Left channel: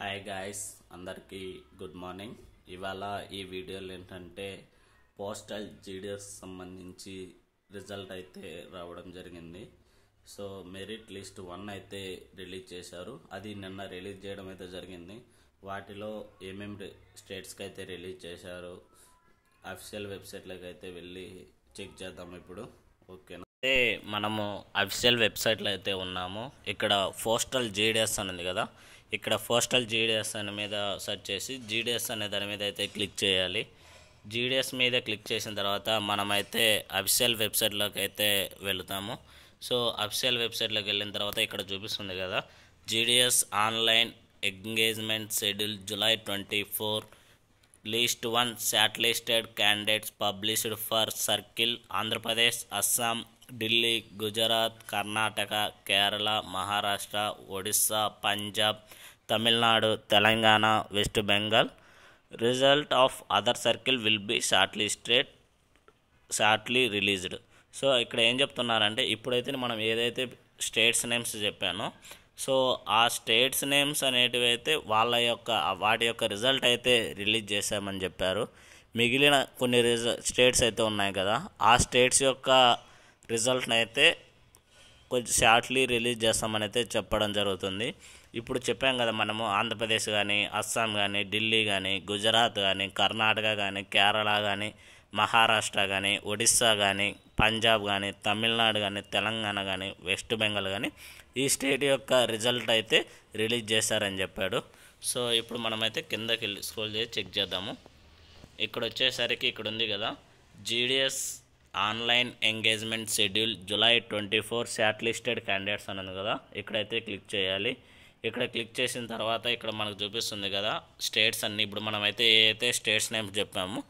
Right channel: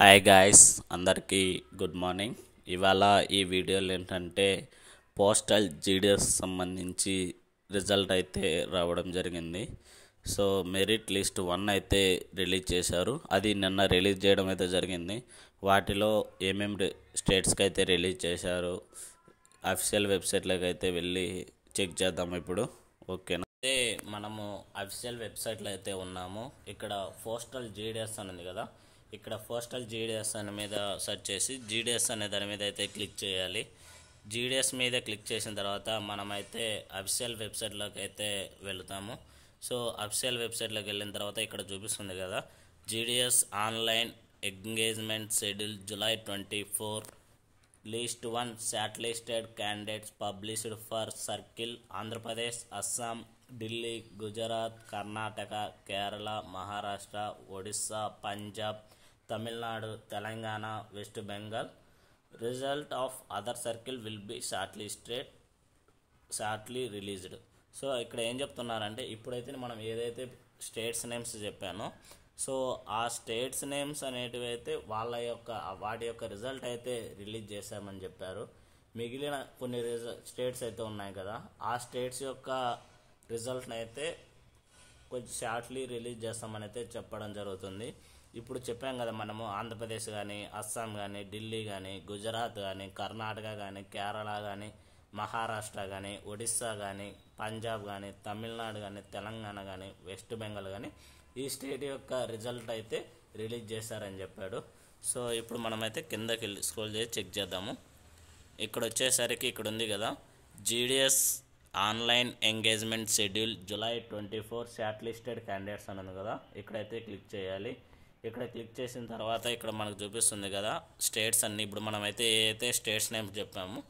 Hi guys, అందరికీ good morning. ఇవాళ ఈ వీడియోలో ఏంటంటే పోస్టల్ జీడిఎస్ సంబంధించి రిజల్ట్ అయితే రావడం జరిగింది. సో మెరిట్ లిస్ట్ 1 అయితే రిలీజ్ చేశారు. అది నిన్న రిలీజ్ చేయడం అయితే జరిగింది. వాటిలో ఏమేమి స్టేట్స్కి అయితే రిలీజ్ చేశారు అఫీషియల్ వెబ్సైట్లోకి అయితే వెళ్ళి చెక్ చేద్దాం ఇప్పుడు. ఓకేనా? అయితే మనము అఫీషియల్ వెబ్సైట్లో అయితే ఉన్నాము. ఇక్కడ పోస్టల్ జీడిఎస్ అని ఉంది కదా, ఇక్కడ పోస్టల్ జీడిఎస్ అనే మీద సెర్చ్ చేసి జీడిఎస్ అనే దాని మీద అయితే క్లిక్ చేయాలి. జీడిఎస్ మీద క్లిక్ చేసిన తర్వాత మనమైతే అఫీషియల్ వెబ్సైట్లోకి అయితే వెళుతాము. సో అఫీషియల్ వెబ్సైట్లోకి వెళ్ళిన తర్వాత ఇక్కడ చూపిస్తుంది కదా, GDS online engagement schedule July 24 list 1 short listed candidates published for circle Andhra Pradesh, Assam, Delhi, Gujarat, Karnataka, Kerala, Maharashtra, Odisha, Punjab, Tamil Nadu, Telangana, west Bengal. Result of other circle will be shortly released. So ఇక్కడ ఏం చెప్తున్నారంటే, ఇప్పుడైతే మనం ఏదైతే స్టేట్స్ నేమ్స్ చెప్పానో, సో ఆ స్టేట్స్ నేమ్స్ అనేటివి అయితే వాటి యొక్క రిజల్ట్ అయితే రిలీజ్ చేశామని చెప్పారు. మిగిలిన కొన్ని స్టేట్స్ అయితే ఉన్నాయి కదా, ఆ స్టేట్స్ యొక్క రిజల్ట్ని అయితే కొంచెం షార్ట్లీ రిలీజ్ చేస్తామని అయితే చెప్పడం జరుగుతుంది. ఇప్పుడు చెప్పాం కదా మనము, ఆంధ్రప్రదేశ్ కానీ, అస్సాం కానీ, ఢిల్లీ కానీ, గుజరాత్ కానీ, కర్ణాటక కానీ, కేరళ కానీ, మహారాష్ట్ర కానీ, ఒడిస్సా కానీ, పంజాబ్ కానీ, తమిళనాడు కానీ, తెలంగాణ కానీ, వెస్ట్ బెంగాల్ కానీ ఈ స్టేట్ యొక్క రిజల్ట్ అయితే రిలీజ్ చేశారని చెప్పాడు. సో ఇప్పుడు మనమైతే కిందకి వెళ్ళి స్క్రోల్ చేసి చెక్ చేద్దాము. ఇక్కడ వచ్చేసరికి ఇక్కడ ఉంది కదా, GDS online engagement schedule July 24 short listed candidates అని ఉంది కదా, ఇక్కడైతే క్లిక్ చేయాలి. ఇక్కడ క్లిక్ చేసిన తర్వాత ఇక్కడ మనకు చూపిస్తుంది కదా స్టేట్స్ అన్నీ. ఇప్పుడు మనమైతే ఏదైతే స్టేట్స్ నేమ్స్ చెప్పామో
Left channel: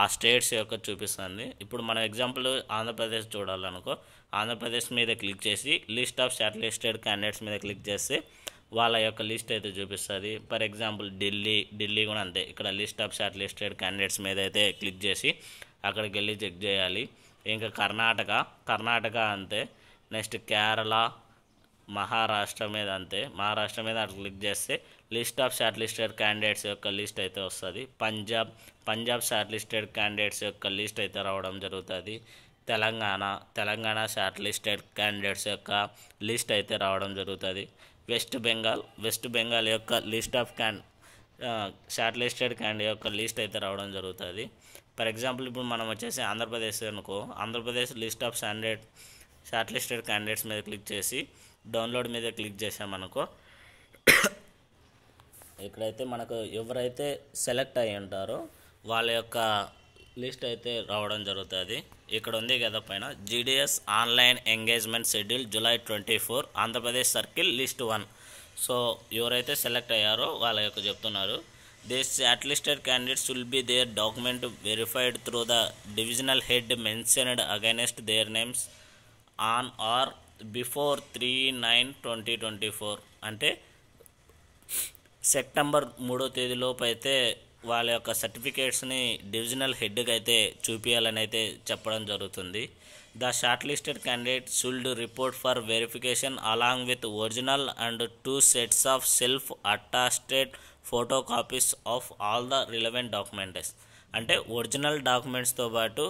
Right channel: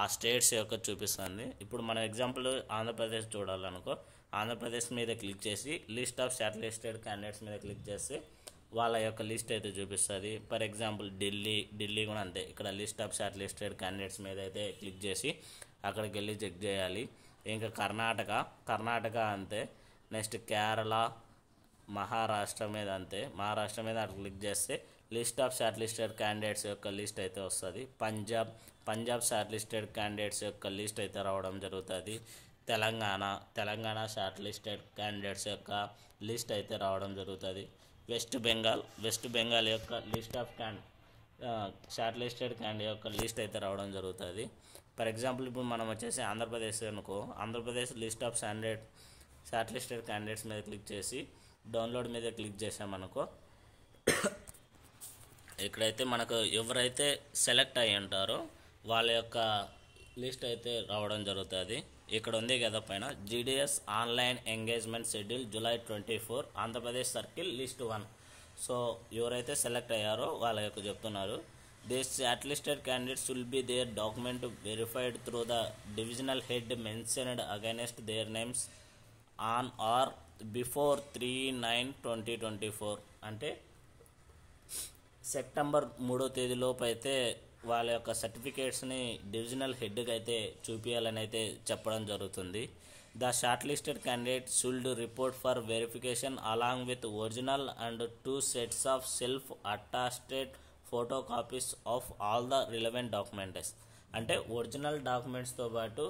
ఆ స్టేట్స్ యొక్క చూపిస్తుంది. ఇప్పుడు మనం ఎగ్జాంపుల్ ఆంధ్రప్రదేశ్ చూడాలనుకో, ఆంధ్రప్రదేశ్ మీద క్లిక్ చేసి list of short listed candidates మీద క్లిక్ చేస్తే వాళ్ళ యొక్క లిస్ట్ అయితే చూపిస్తుంది. ఫర్ ఎగ్జాంపుల్ ఢిల్లీ కూడా అంతే. ఇక్కడ list of short listed candidates మీద అయితే క్లిక్ చేసి అక్కడికి వెళ్ళి చెక్ చేయాలి. ఇంకా కర్ణాటక అంతే. నెక్స్ట్ కేరళ, మహారాష్ట్ర మీద అంతే. మహారాష్ట్ర మీద అక్కడ క్లిక్ చేస్తే list of short listed candidates యొక్క లిస్ట్ అయితే వస్తుంది. పంజాబ్ షార్ట్ లిస్టెడ్ క్యాండిడేట్స్ యొక్క లిస్ట్ అయితే రావడం జరుగుతుంది. తెలంగాణ షార్ట్ లిస్టెడ్ క్యాండిడేట్స్ యొక్క లిస్ట్ అయితే రావడం జరుగుతుంది. వెస్ట్ బెంగాల్ యొక్క list of short listed candidate యొక్క లిస్ట్ అయితే రావడం జరుగుతుంది. ఫర్ ఎగ్జాంపుల్ ఇప్పుడు మనం వచ్చేసి ఆంధ్రప్రదేశ్ అనుకో, Andhra Pradesh list of short listed candidates మీద క్లిక్ చేసి డౌన్లోడ్ మీద క్లిక్ చేసామనుకో, ఇక్కడైతే మనకు ఎవరైతే సెలెక్ట్ అయ్యి ఉంటారో వాళ్ళ యొక్క లిస్ట్ అయితే రావడం జరుగుతుంది. ఇక్కడ ఉంది కదా పైన, GDS online engagement schedule July 24 Andhra Pradesh circle list 1. So ఎవరైతే సెలెక్ట్ అయ్యారో వాళ్ళ యొక్క చెప్తున్నారు, this short listed candidates will be there document verified through the divisional head mentioned against their names on are before 3/9/2024. అంటే సెప్టెంబర్ 3వ తేదీలోపు అయితే వాళ్ళ యొక్క సర్టిఫికేట్స్ని డివిజనల్ హెడ్కి అయితే చూపించాలని అయితే చెప్పడం జరుగుతుంది. The short listed candidate should report for verification along with original and 2 sets of self attested photo copies of all the relevant documents. అంటే ఒరిజినల్ డాక్యుమెంట్స్తో పాటు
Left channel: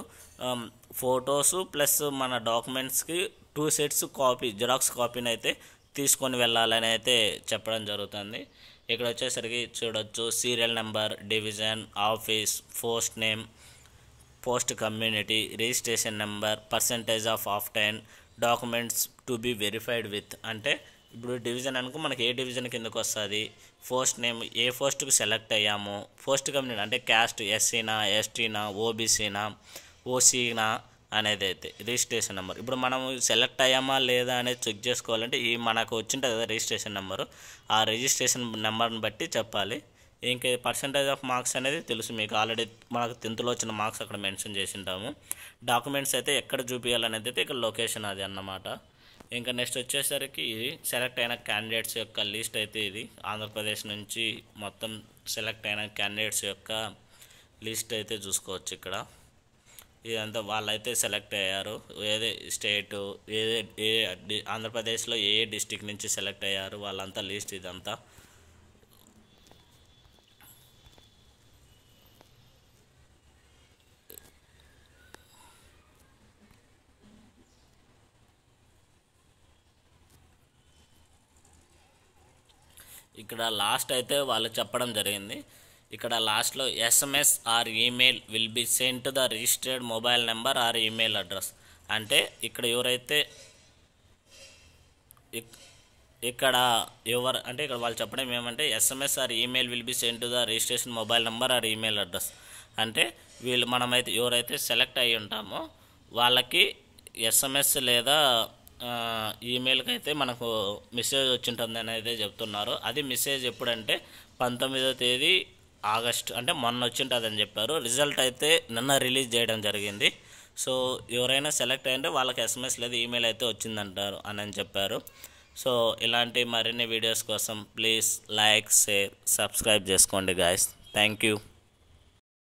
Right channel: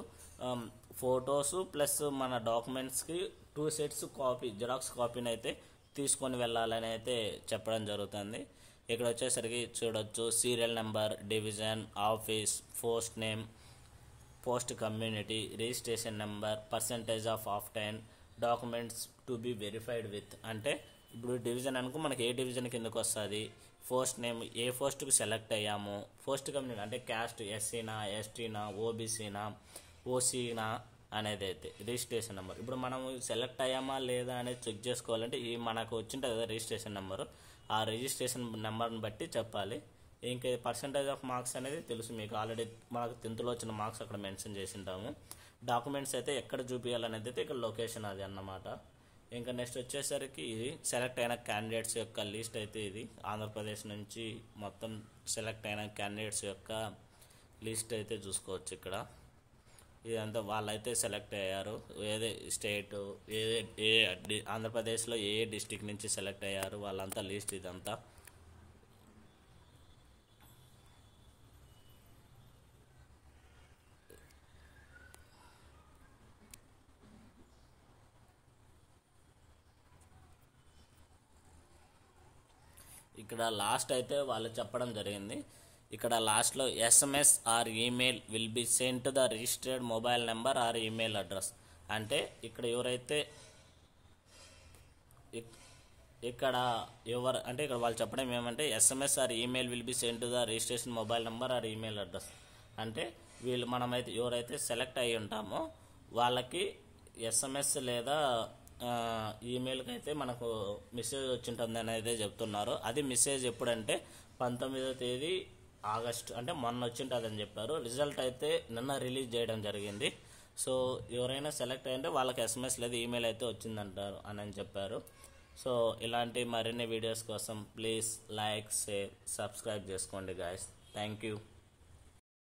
ఫొటోస్ ప్లస్ మన డాక్యుమెంట్స్కి 2 సెట్స్ కాపీ, జిరాక్స్ కాపీని అయితే తీసుకొని వెళ్ళాలని అయితే చెప్పడం జరుగుతుంది. ఇక్కడ వచ్చేసరికి చూడొచ్చు, serial number, division, office, post name, post community, registration number, percentage of obtained, documents to be verified with. అంటే ఇప్పుడు డివిజన్ అనుకో, మనకి ఏ డివిజన్ కిందకు వస్తుంది, పోస్ట్ నేమ్, ఏ పోస్ట్కి సెలెక్ట్ అయ్యాము, పోస్ట్ కమ్యూనిటీ అంటే క్యాస్ట్, ఎస్సీనా, ఎస్టీనా, ఓబీసీనా, ఓసీనా అనేది అయితే, రిజిస్ట్రేషన్ నెంబర్. ఇప్పుడు మనం సెలెక్ట్ అయ్యామా లేదా అనేది చెక్ చేసుకోవాలంటే ఈ మనకు వచ్చింటుంది కదా రిజిస్ట్రేషన్ నెంబరు, ఆ రిజిస్ట్రేషన్ నెంబర్ని బట్టి చెప్పాలి. ఇంకా పర్సంటేజ్ ఆఫ్ మార్క్స్ అనేది తెలుసు మీకు, ఆల్రెడీ మనకు 10th వచ్చిన మార్క్స్ అక్కడ మెన్షన్ చేసి ఉంటాము. డాక్యుమెంట్స్ అయితే ఎక్కడ చూపించాలనేది అయితే ఇక్కడ లొకేషన్ అది అన్నమాట. ఇంకా నెక్స్ట్ వచ్చేసరికి ఇది సెలెక్ట్ అయిన క్యాండిడేట్స్ యొక్క లిస్ట్ అయితే ఇది ఆంధ్రప్రదేశ్ నుంచి మొత్తం సెలెక్ట్ అయిన క్యాండిడేట్స్ యొక్క లిస్ట్ అయితే చూసుకోవచ్చు. ఇక్కడ ఇదంతా వాళ్ళైతే సెలెక్ట్ అయ్యారు, ఏదే స్టేటు, ఆంధ్రప్రదేశ్లో ఏ డిస్టిక్ నుంచి సెలెక్ట్ అయ్యారు వాళ్ళంతా లిస్ట్ ఇదంతా. ఇక్కడ లాస్ట్ అయితే వాళ్ళు చెప్పడం జరిగింది. ఇక్కడ లాస్ట్లో SMS are email will be send to the registered mobile number are email address. అంటే ఇక్కడ ఎవరైతే ఇక్కడ అంటే ఇక్కడ వాళ్ళు చెప్పడం ఏమంటే SMS are email will be send to the registration mobile number are email address. అంటే మనమైతే ఎవరైతే సెలెక్ట్ అయ్యి ఉంటామో వాళ్ళకి ఎస్ఎంఎస్ లేదా ఈమెయిల్కి అయితే మనకు మెసేజ్ వచ్చింటుంది అని అయితే చెప్తున్నారు. అది మెసేజ్ ఎప్పుడంటే 19వ తేదీ ఆగస్ట్, అంటే మొన్న వచ్చింటుంది అని చెప్పారు. రిజల్ట్ అయితే నిన్న రిలీజ్ చేయడం జరిగింది. సో ఎవరైనా సెలెక్ట్ అయ్యింటే వాళ్ళకి ఎస్ఎంఎస్ లేదా ఈమెయిల్ అయితే వచ్చిందంటారు అని చెప్పారు. సో ఇలాంటి మరిన్ని వీడియోస్ కోసం ప్లీజ్ లైక్, షేర్, సబ్స్క్రైబ్ చేసుకోండి గాయస్. Thank you.